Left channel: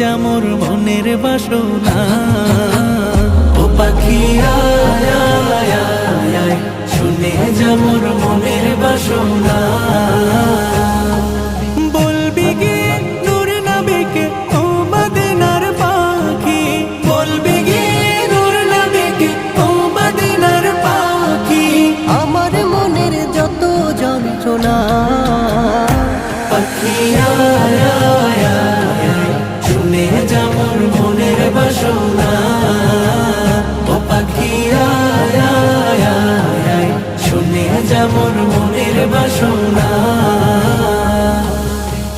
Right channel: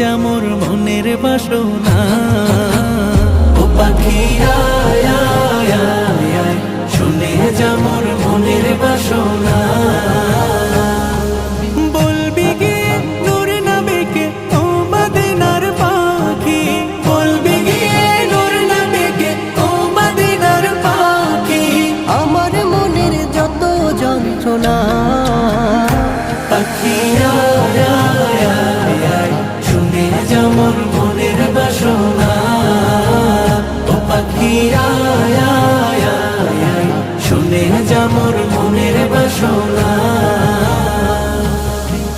যা মোর মনের বাসনা। ও পাখি আয় আয় আয় আয়, শুনে যা মোর মনের বাসনা। বলবি গিয়ে নূর নবীকে ও মদিনার পাখি, বলবি গিয়ে নূর নবীকে ও মদিনার পাখি। আমার মনের যত যন্ত্রণা, পাখি আয় আয় আয় আয়, শুনে যা মোর মনের বাসনা। ও পাখি আয় আয় আয় আয়, শুনে যা মোর মনের বাসনা।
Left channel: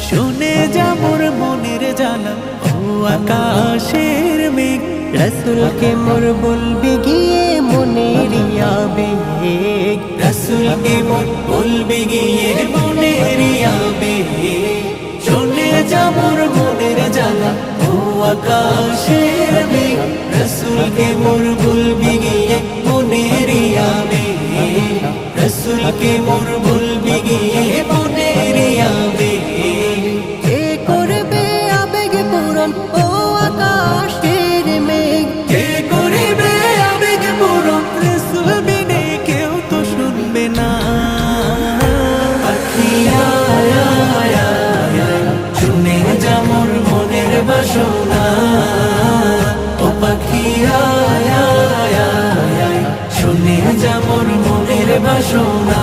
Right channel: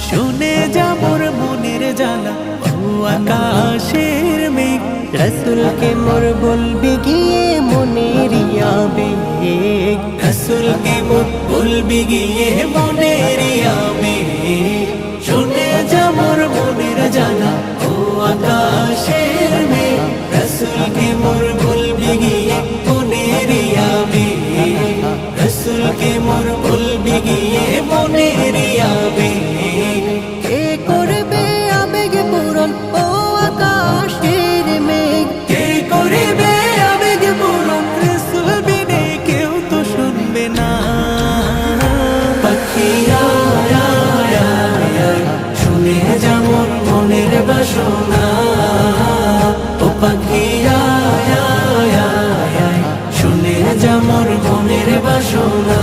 শুনে যা মোর মনের জ্বালা ও আকাশের মেঘ, রসুলকে মোর বলবি গিয়ে মনের আবেগ। রসুলকে মোর বলবি গিয়ে মনের আবেগ। শুনে যা মোর মনের জ্বালা ও আকাশের মেঘ, রসুলকে মোর বলবি গিয়ে মনের আবেগ। রসুলকে মোর বলবি গিয়ে মনের আবেগ। কে করবে আবেগ পূরণ ও আকাশের মেঘ? কে করিবে আবেগ পূরণ, রসুল বিনে কেউ তো শুনবে না। পাখি আয় আয় আয় আয়, শুনে যা মোর মনের বাসনা। ও পাখি আয় আয় আয় আয়, শুনে যা মোর মনের বাসনা।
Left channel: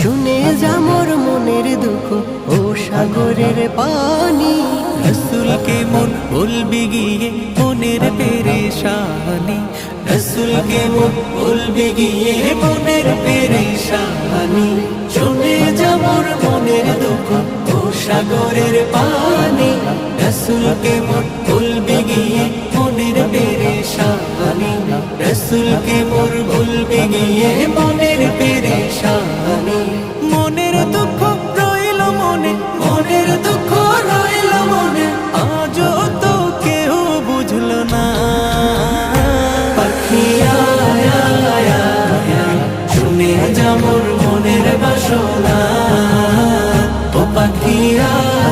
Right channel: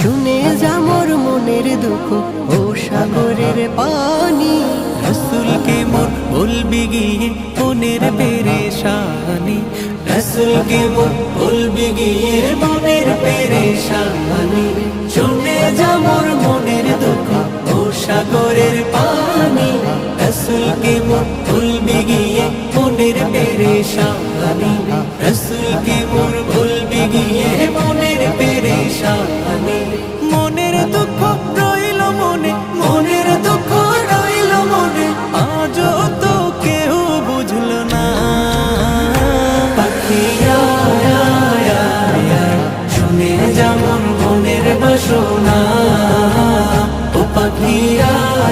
শুনে যা মোর মনের দুঃখ ও সাগরের পানি। রসুলকে মোর বলবি গিয়ে মনের পেরেশানি। রসুলকে মোর বলবি গিয়ে মনের পেরেশানি। শুনে যা মোর মনের দুঃখ ও সাগরের পানি। রসুলকে মোর বলবি গিয়ে মনের পেরেশানি। রসুলকে মোর বলবি গিয়ে মনের পেরেশানি। মনের দুঃখ রইল মনে, মনের দুঃখ রইল মনে, আজও তো কেউ বুঝলো না। পাখি আয় আয় আয় আয়, শুনে যা মোর মনের বাসনা। ও পাখি আয়